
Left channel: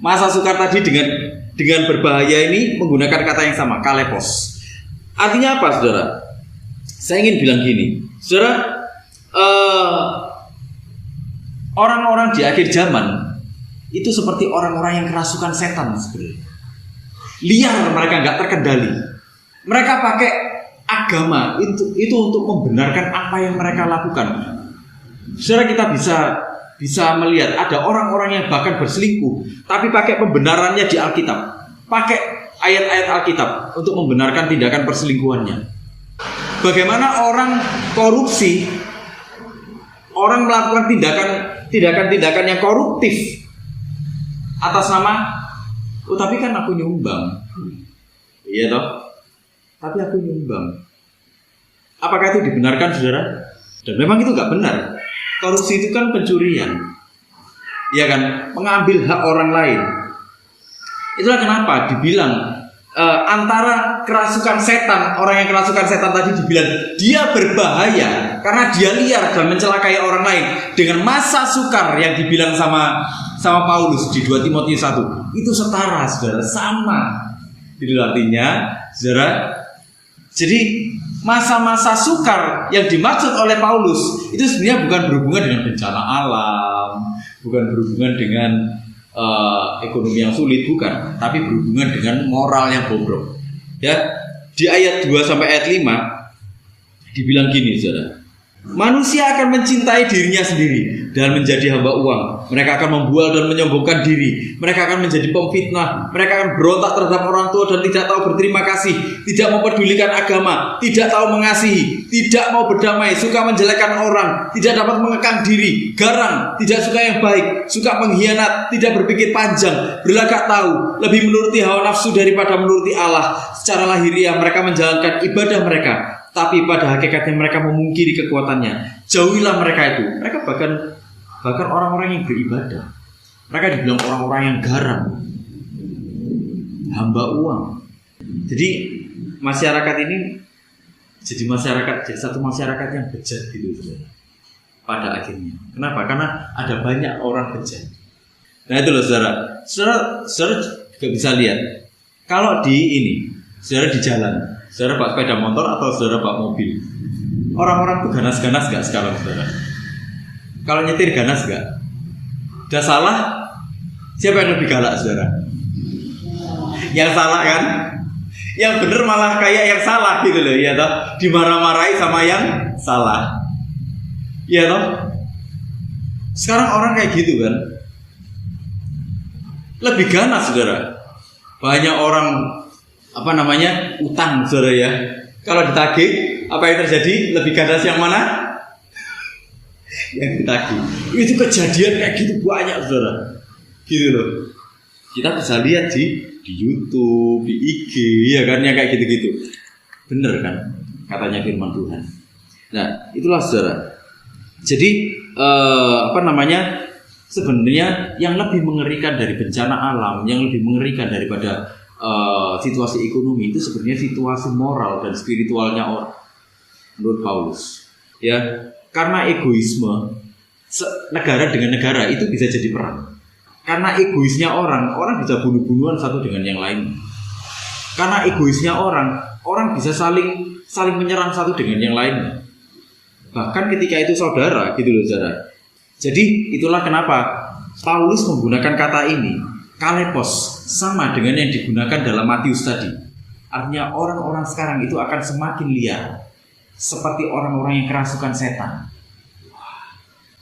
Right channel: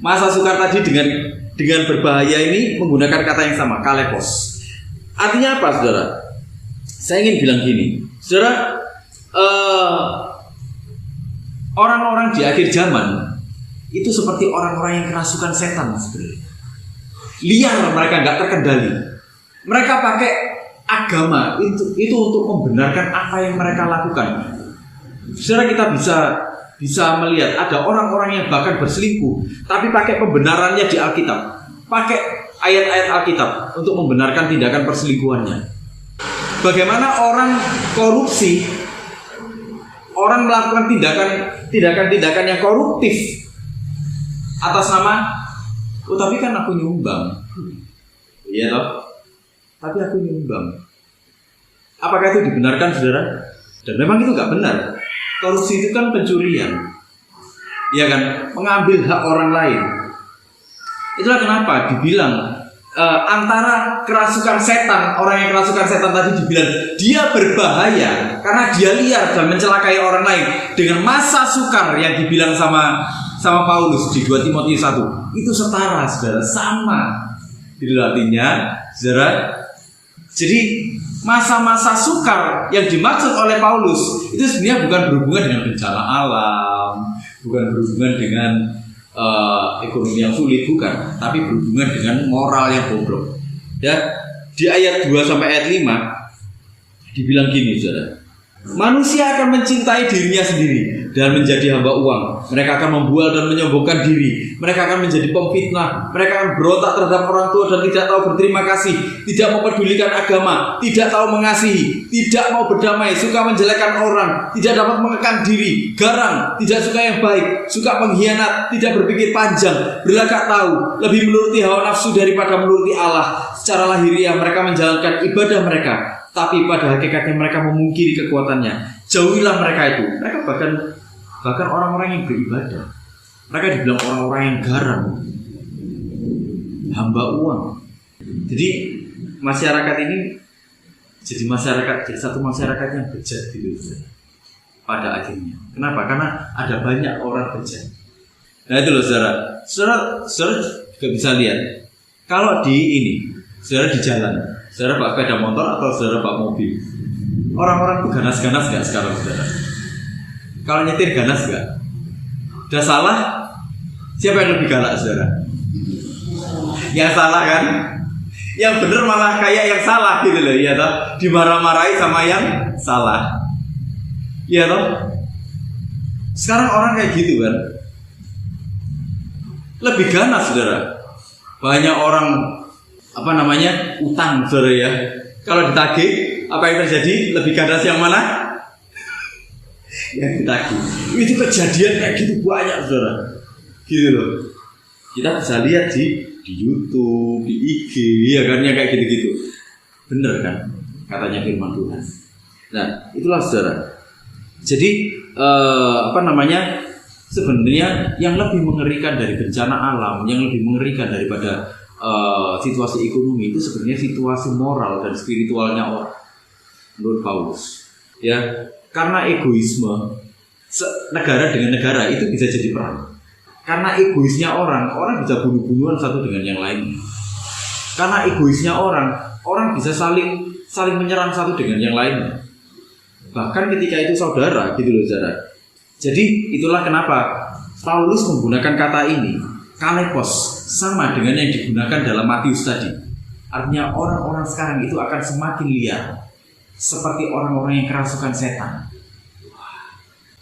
Masa sukar tadi dengan berbahaya ini menggunakan kata yang sama, kalepos. Artinya apa, saudara? Saya ingin bilang gini, saudara, orang-orang di akhir zaman itu seperti orang-orang yang kerasukan setan sebenarnya. Liar, mereka nggak terkendali. Mereka pakai agama itu untuk membenarkan apa yang mereka lakukan. Saudara, kita bisa melihat ada orang-orang yang bahkan berselingkuh, tapi pakai pembenarannya di Alkitab, pakai ayat-ayat Alkitab untuk membenarkan tindakan perselingkuhannya. Bagaimana orang korupsi, orang melakukan tindakan yang koruptif atas nama, oh tapi kan aku nyumbang, iya toh, tapi aku nyumbang. Apakah itu dibenarkan, saudara? Dan memang itu nggak benar. Korupsi itu kan pencurian, ya kan, mengambil hak orang lain. Itulah kenapa dibilang antara kerasukan setan, orang yang kerasukan setan tadi dibilang dia berbahaya karena dia liar dan mencelakai orang lain. Dengan masa sukar yang dibilang sama Paulus di 2 Timotius 1 itu setara, saudara, sama. Itu artinya, saudara. Jadi masa-masa sukar yang dimaksud oleh Paulus itu sebenarnya bukan berhubungan dengan bencana alam, bukan berhubungan dengan ekonomi yang sulit, bukan, tapi berhubungan dengan moral yang bobrok. Ya, di ayat 2 sampai ayat 5 dibilang gini, saudara. Manusia akan mencintai dirinya sendiri dan menjadi hamba uang. Mereka akan membual dan menyombongkan diri. Mereka akan menjadi pemfitnah. Mereka akan berontak terhadap orang tua dan tidak tahu berterima kasih, tidak mempedulikan agama, tidak tahu mengasihi, tidak mau berdamai, suka menjelekkan orang, tidak dapat mengekang diri, garang, tidak suka yang baik, suka mengkhianat, tidak berpikir panjang, berlagak tahu, lebih menuruti hawa nafsu daripada menuruti Allah. Secara lahiriah mereka menjalankan ibadah mereka, tapi pada hakikatnya mereka memungkiri kekuatannya. Jauhilah mereka itu. Mereka bahkan orang-orang yang beribadah, mereka dibilang orang-orang yang garam, hamba uang. Jadi masyarakat ini jadi satu masyarakat yang bejat gitu, pada akhirnya. Kenapa? Karena ada banyak orang bejat. Nah itu loh, saudara juga bisa lihat. Kalau saudara di jalan, saudara bawa sepeda motor atau saudara bawa mobil, orang-orang tuh ganas-ganas gak sekarang, saudara? Kalau nyetir ganas gak? Udah salah, siapa yang lebih galak, saudara? Yang salah kan? Yang bener malah kayak yang salah gitu loh, ya toh? Dimarah-marahi sama yang salah, ya toh? Sekarang orang kayak gitu kan, lebih ganas, saudara. Banyak orang utang, saudara ya. Kalau ditagih, apa yang terjadi? Lebih ganas yang mana? Yang ditagih. Itu kejadian kayak gitu banyak, saudara. Gitu loh. Kita bisa lihat di YouTube, di IG, ya kan, yang kayak gitu-gitu. Bener kan? Katanya firman Tuhan. Nah, itulah, saudara. Jadi sebenarnya yang lebih mengerikan dari bencana alam, yang lebih mengerikan daripada situasi ekonomi itu sebenarnya situasi moral dan spiritualnya orang, menurut Paulus. Ya, karena egoisme negara dengan negara itu bisa jadi perang. Karena egoisnya orang bisa bunuh-bunuhan satu dengan yang lain. Karena egoisnya orang bisa saling menyerang satu dengan yang lainnya. Bahkan ketika itu saudara, gitu loh saudara. Jadi itulah kenapa Paulus menggunakan kata ini, kalepos, sama dengan yang digunakan dalam Matius tadi. Artinya orang-orang sekarang itu akan semakin liar, seperti orang-orang yang kerasukan setan.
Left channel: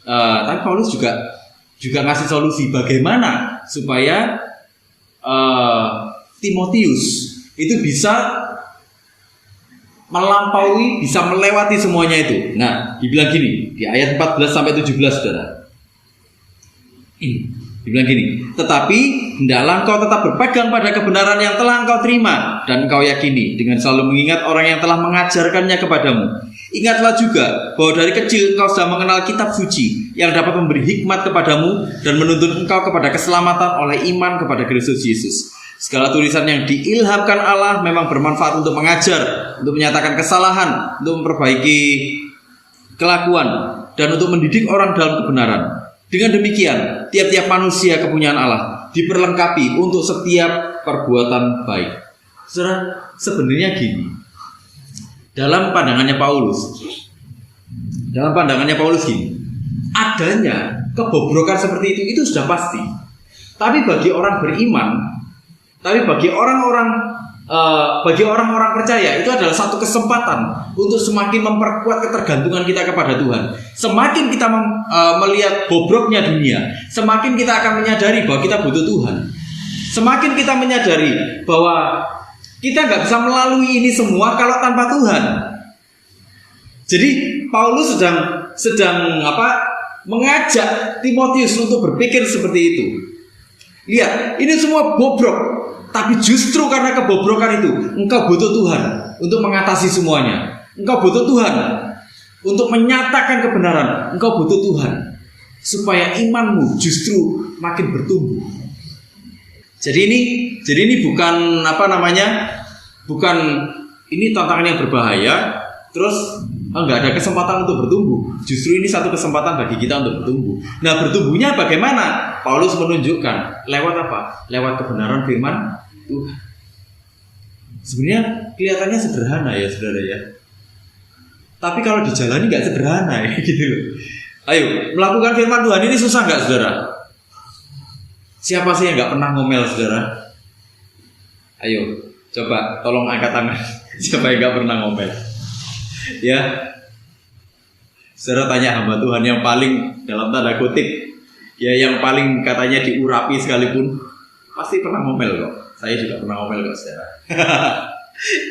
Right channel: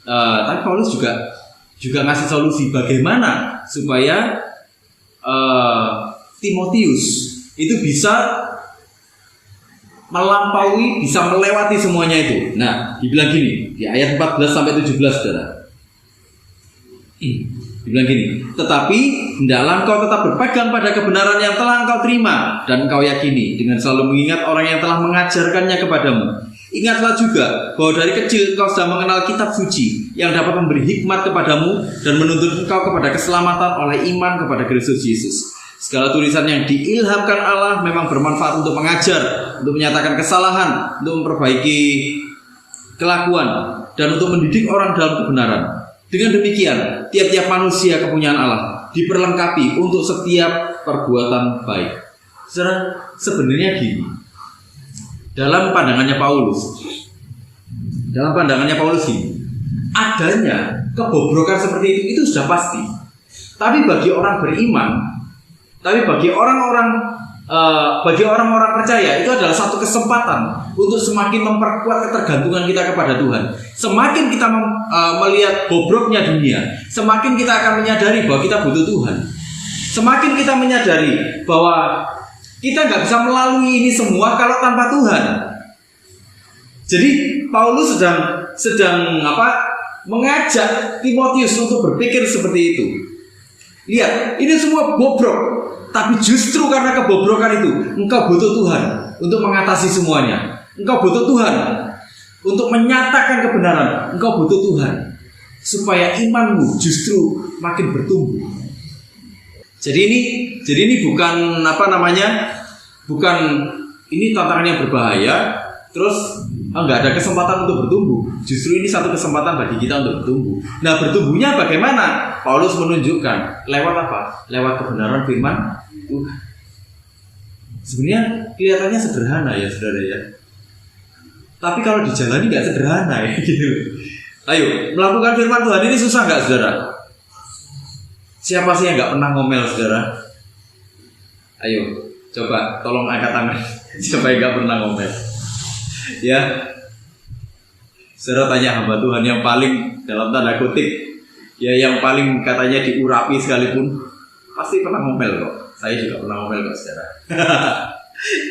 Tapi Paulus juga ngasih solusi bagaimana supaya Timotius itu bisa melampaui, bisa melewati semuanya itu. Nah, dibilang gini di ayat 14 sampai 17 saudara. Dibilang gini, tetapi hendaklah engkau tetap berpegang pada kebenaran yang telah engkau terima dan engkau yakini, dengan selalu mengingat orang yang telah mengajarkannya kepadamu. Ingatlah juga bahwa dari kecil engkau sudah mengenal kitab suci yang dapat memberi hikmat kepadamu dan menuntun engkau kepada keselamatan oleh iman kepada Kristus Yesus. Segala tulisan yang diilhamkan Allah memang bermanfaat untuk mengajar, untuk menyatakan kesalahan, untuk memperbaiki kelakuan, dan untuk mendidik orang dalam kebenaran. Dengan demikian, tiap-tiap manusia kepunyaan Allah diperlengkapi untuk setiap perbuatan baik. Sebenarnya gini, dalam pandangannya Paulus gini, adanya kebobrokan seperti itu sudah pasti. Tapi bagi orang beriman, bagi orang-orang percaya itu adalah satu kesempatan untuk semakin memperkuat ketergantungan kita kepada Tuhan. Semakin kita melihat bobroknya dunia, semakin kita akan menyadari bahwa kita butuh Tuhan. Semakin kita menyadari bahwa kita nggak bisa melalui ini semua kalau tanpa Tuhan. Jadi Paulus sedang mengajak Timotius untuk berpikir seperti itu. Lihat, ini semua bobrok, tapi justru karena kebobrokan itu, engkau butuh Tuhan untuk mengatasi semuanya. Engkau butuh Tuhan untuk menyatakan kebenaran. Engkau butuh Tuhan supaya imanmu justru makin bertumbuh. Jadi ini bukan bukan ini tantangan yang berbahaya. Terus nggak ada kesempatan untuk bertumbuh. Justru ini satu kesempatan bagi kita untuk bertumbuh. Nah, bertumbuhnya bagaimana? Paulus menunjukkan lewat apa? Lewat kebenaran firman Tuhan. Sebenarnya kelihatannya sederhana ya saudara ya. Tapi kalau dijalani nggak sederhana ya gitu. Ayo, melakukan firman Tuhan ini susah nggak saudara? Siapa sih yang nggak pernah ngomel saudara? Ayo, coba tolong angkat tangan. Siapa yang nggak pernah ngomel? Ya, saudara tanya hamba Tuhan yang paling dalam tanda kutip, ya yang paling katanya diurapi sekalipun, pasti pernah ngomel kok. Saya juga pernah ngomel kok saudara.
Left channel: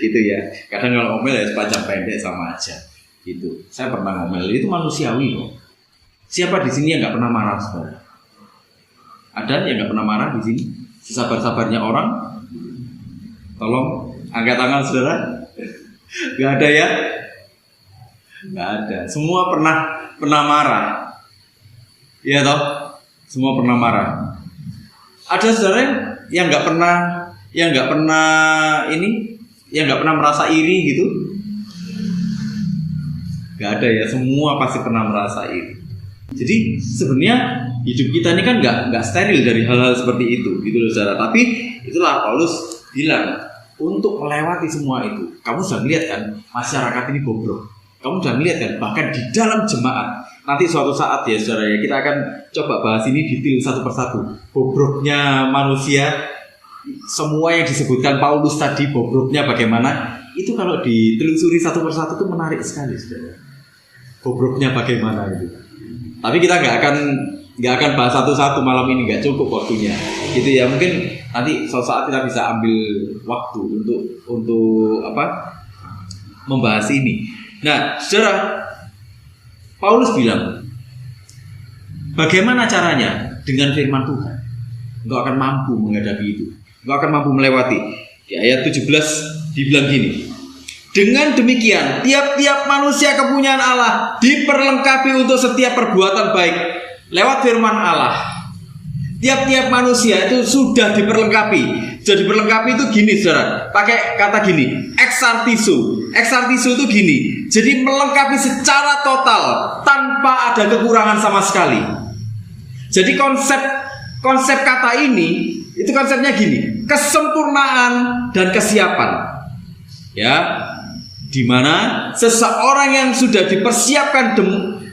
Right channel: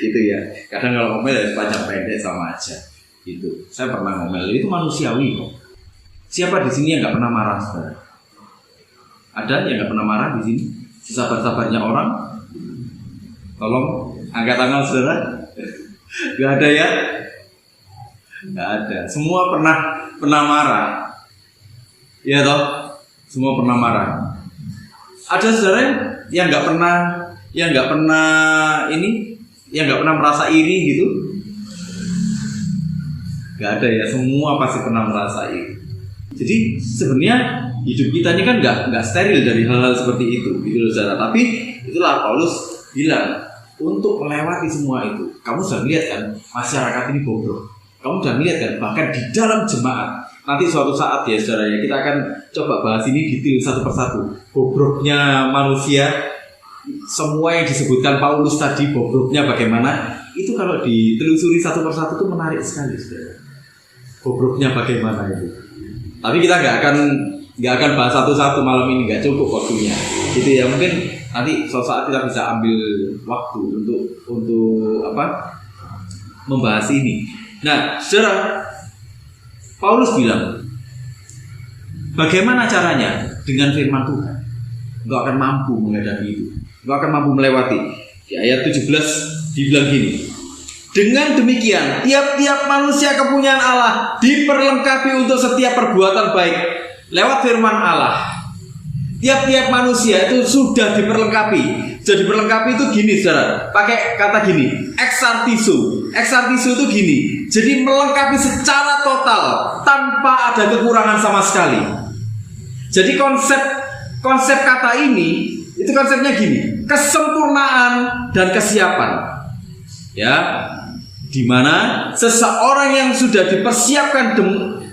Gitu ya. Kadang kalau ngomel ya sepanjang pendek sama aja. Gitu. Saya pernah ngomel, itu manusiawi kok. Siapa di sini yang nggak pernah marah saudara? Ada yang nggak pernah marah di sini? Sesabar-sabarnya orang. Tolong angkat tangan saudara. Gak ada ya? Gak ada. Semua pernah marah. Iya toh? Semua pernah marah. Ada saudara yang nggak pernah merasa iri gitu? Gak ada ya. Semua pasti pernah merasa iri. Jadi sebenarnya hidup kita ini kan nggak steril dari hal-hal seperti itu, gitu loh saudara. Tapi itulah Paulus bilang untuk melewati semua itu. Kamu sudah lihat kan masyarakat ini bobrok. Kamu sudah lihat kan bahkan di dalam jemaat. Nanti suatu saat ya saudara ya kita akan coba bahas ini detail satu persatu. Bobroknya manusia, semua yang disebutkan Paulus tadi bobroknya bagaimana? Itu kalau ditelusuri satu persatu itu menarik sekali saudara. Bobroknya bagaimana itu? Tapi kita nggak akan bahas satu-satu malam ini, nggak cukup waktunya. Gitu ya, mungkin nanti suatu saat kita bisa ambil waktu untuk membahas ini. Nah, saudara, Paulus bilang, bagaimana caranya dengan firman Tuhan? Engkau akan mampu menghadapi itu. Engkau akan mampu melewati. Di ayat 17 dibilang gini. Dengan demikian, tiap-tiap manusia kepunyaan Allah diperlengkapi untuk setiap perbuatan baik lewat firman Allah. Tiap-tiap manusia itu sudah diperlengkapi. Jadi diperlengkapi itu gini, saudara. Pakai kata gini, exartizo. Exartizo itu gini. Jadi melengkapi secara total tanpa ada kekurangan sama sekali. Jadi konsep kata ini itu konsepnya gini, kesempurnaan dan kesiapan. Ya, dimana seseorang yang sudah dipersiapkan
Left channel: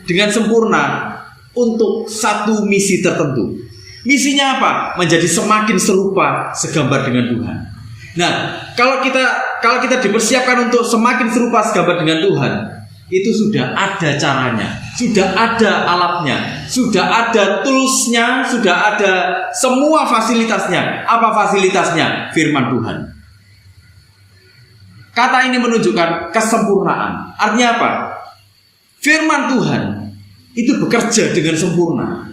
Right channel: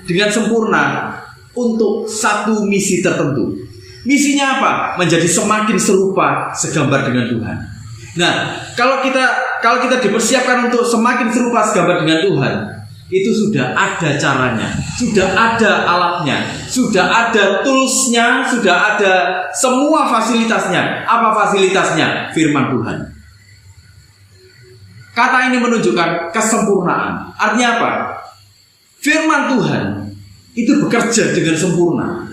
dengan sempurna untuk satu misi tertentu. Misinya apa? Menjadi semakin serupa segambar dengan Tuhan. Nah, kalau kita dipersiapkan untuk semakin serupa segambar dengan Tuhan, itu sudah ada caranya, sudah ada alatnya, sudah ada toolsnya, sudah ada semua fasilitasnya. Apa fasilitasnya? Firman Tuhan. Kata ini menunjukkan kesempurnaan. Artinya apa? Firman Tuhan itu bekerja dengan sempurna.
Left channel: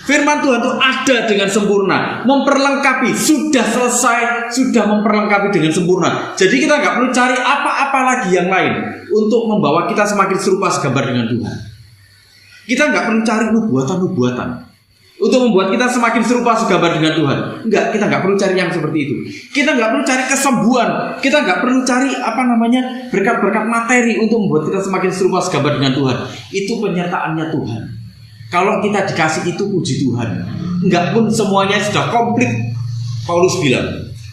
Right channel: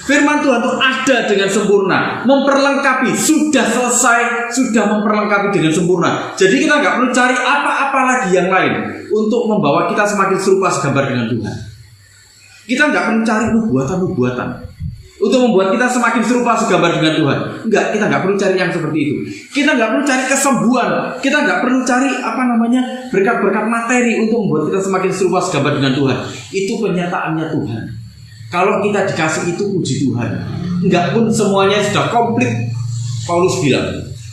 Firman Tuhan itu ada dengan sempurna, memperlengkapi, sudah selesai, sudah memperlengkapi dengan sempurna. Jadi kita nggak perlu cari apa-apa lagi yang lain untuk membawa kita semakin serupa segambar dengan Tuhan. Kita nggak perlu cari nubuatan-nubuatan untuk membuat kita semakin serupa segambar dengan Tuhan. Enggak, kita nggak perlu cari yang seperti itu. Kita nggak perlu cari kesembuhan. Kita nggak perlu cari berkat-berkat materi untuk membuat kita semakin serupa segambar dengan Tuhan. Itu penyertaannya Tuhan. Kalau kita dikasih itu, puji Tuhan. Enggak pun semuanya sudah komplit. Paulus bilang,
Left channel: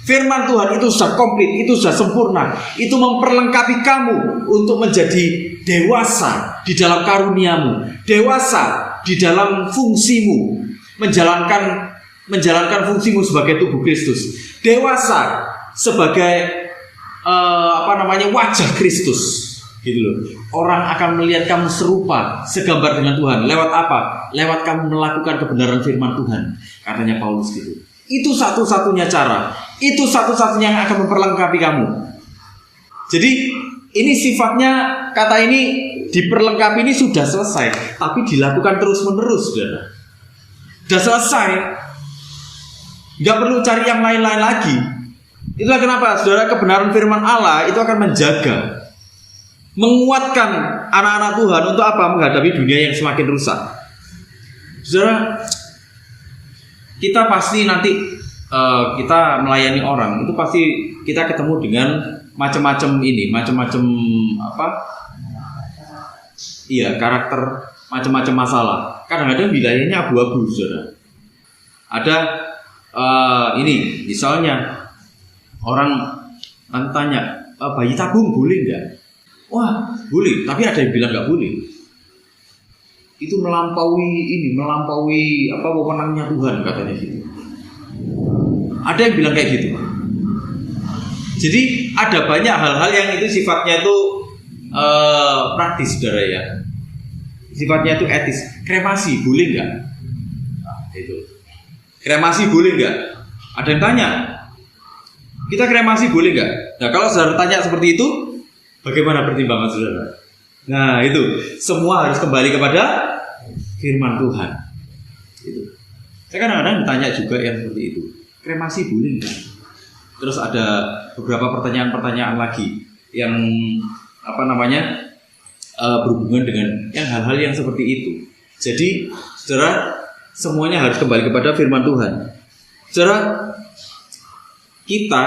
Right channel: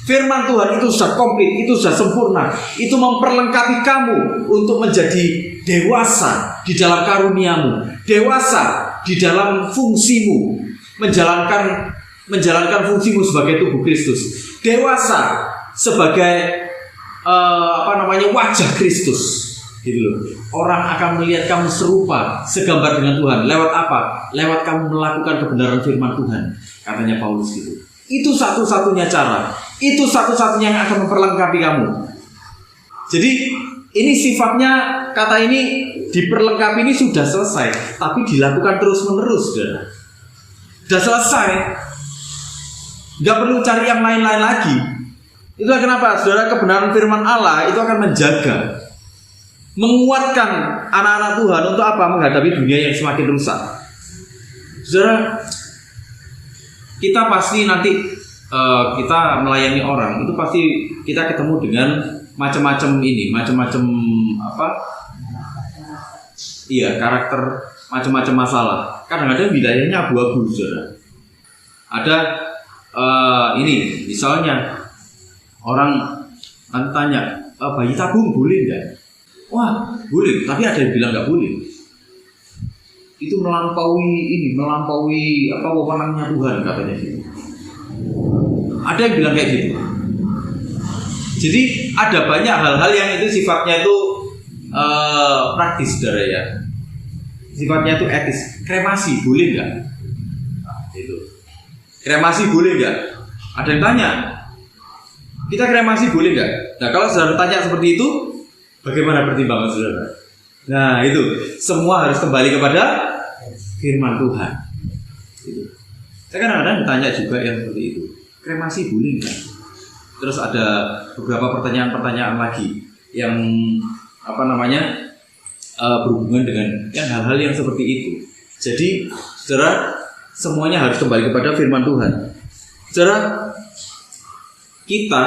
firman Tuhan itu sudah komplit, itu sudah sempurna. Itu memperlengkapi kamu untuk menjadi dewasa di dalam karuniamu, dewasa di dalam fungsimu, menjalankan fungsimu sebagai tubuh Kristus, dewasa sebagai wajah Kristus. Gitu loh. Orang akan melihat kamu serupa segambar dengan Tuhan. Lewat apa? Lewat kamu melakukan kebenaran firman Tuhan, katanya Paulus gitu. Itu satu-satunya cara. Itu satu-satunya yang akan memperlengkapi kamu. Jadi ini sifatnya, kata ini diperlengkapi ini sudah selesai, tapi dilakukan terus-menerus, saudara. Sudah selesai, nggak perlu cari yang lain-lain lagi. Itulah kenapa, saudara, kebenaran firman Allah itu akan menjaga, menguatkan anak-anak Tuhan untuk apa? Menghadapi dunia yang semakin rusak. Saudara, kita pasti nanti kita melayani orang itu pasti kita ketemu dengan macam-macam karakter, macam-macam masalah. Kadang-kadang wilayahnya abu-abu, saudara. Ada misalnya orang tanya, bayi tabung boleh nggak? Wah, boleh, tapi ada yang bilang nggak boleh. Itu melampaui wewenangnya Tuhan, katanya gitu. Ada yang bilang kayak gitu. Jadi ada banyak hal-hal yang itu sifatnya itu praktis, saudara ya. Sifatnya itu etis. Kremasi boleh nggak? Nah, itu. Kremasi boleh nggak? Ada yang tanya. Kita kremasi boleh nggak? Nah, kalau saudara tanya seperti itu, bagaimana pertimbangan saudara? Nah, itu semua harus kembali kepada firman Tuhan. Itu. Saya kadang-kadang bertanya juga yang seperti itu. Kremasi boleh nggak? Terus ada beberapa pertanyaan-pertanyaan lagi yang berhubungan dengan yang hal-hal yang seperti itu. Jadi, saudara, semuanya harus kembali kepada firman Tuhan. Saudara, kita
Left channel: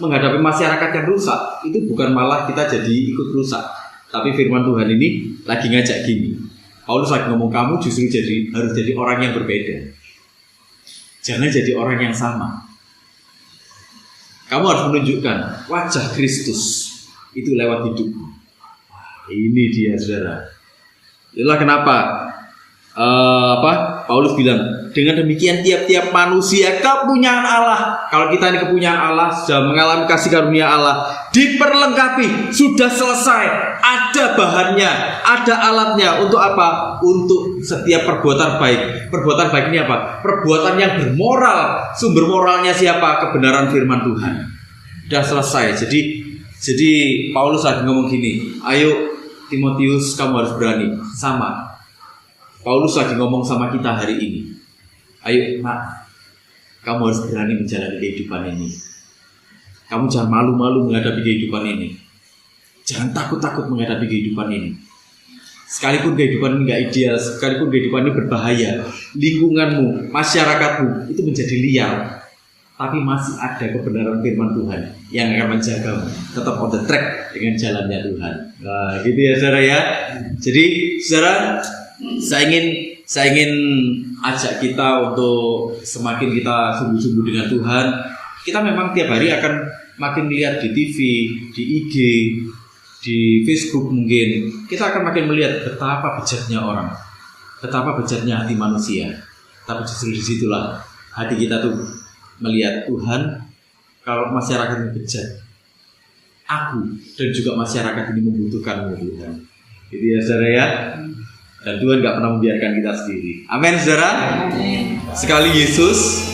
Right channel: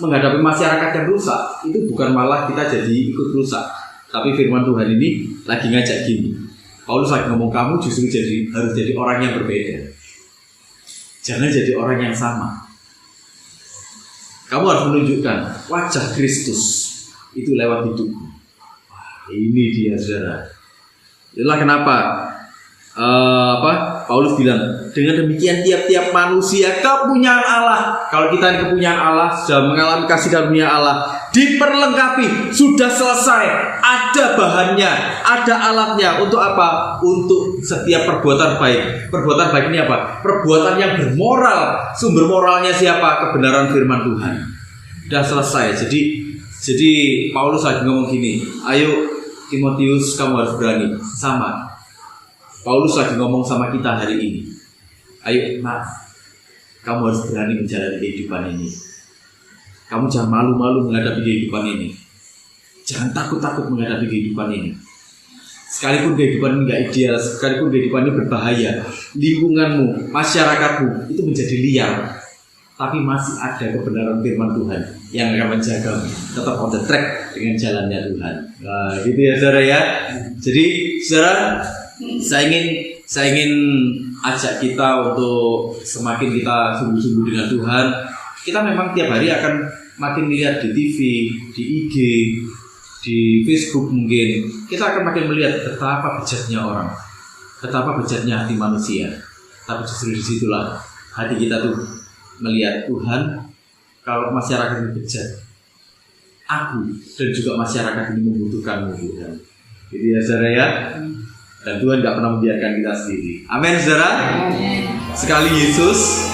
menghadapi masyarakat yang rusak itu bukan malah kita jadi ikut rusak, tapi firman Tuhan ini lagi ngajak gini. Paulus lagi ngomong, kamu justru harus jadi orang yang berbeda. Jangan jadi orang yang sama. Kamu harus menunjukkan wajah Kristus itu lewat hidupmu. Ini dia, saudara. Itulah kenapa Paulus bilang, dengan demikian tiap-tiap manusia kepunyaan Allah. Kalau kita ini kepunyaan Allah, sudah mengalami kasih karunia Allah, diperlengkapi, sudah selesai, ada bahannya, ada alatnya. Untuk apa? Untuk setiap perbuatan baik. Perbuatan baik ini apa? Perbuatan yang bermoral. Sumber moralnya siapa? Kebenaran firman Tuhan. Sudah selesai. Jadi Paulus lagi ngomong gini, ayo Timotius, kamu harus berani. Sama, Paulus lagi ngomong sama kita hari ini. Ayo, kamu harus berani menjalani kehidupan ini. Kamu jangan malu-malu menghadapi kehidupan ini. Jangan takut-takut menghadapi kehidupan ini. sekalipun kehidupan nggak ideal, sekalipun kehidupan ini berbahaya, lingkunganmu, masyarakatmu itu menjadi liar, tapi masih ada kebenaran firman Tuhan yang akan menjagamu tetap on the track dengan jalannya Tuhan. Nah, gitu ya saudara ya. Jadi saudara, saya ingin ajak kita untuk semakin kita sungguh-sungguh dengan Tuhan. Kita memang tiap hari akan makin melihat di TV, di IG, di Facebook mungkin. Kita akan makin melihat betapa bejatnya orang, betapa bejatnya hati manusia. Tapi justru disitulah hati kita tuh melihat Tuhan. Kalau masyarakat ini bejat, aku dan juga masyarakat ini membutuhkanmu Tuhan. Jadi ya saudara ya. Dan Tuhan gak pernah membiarkan kita sendiri. Amin saudara. Sekali Yesus,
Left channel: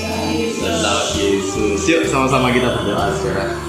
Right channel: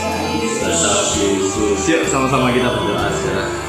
tetap Yesus. Yuk sama-sama kita berdoa saudara.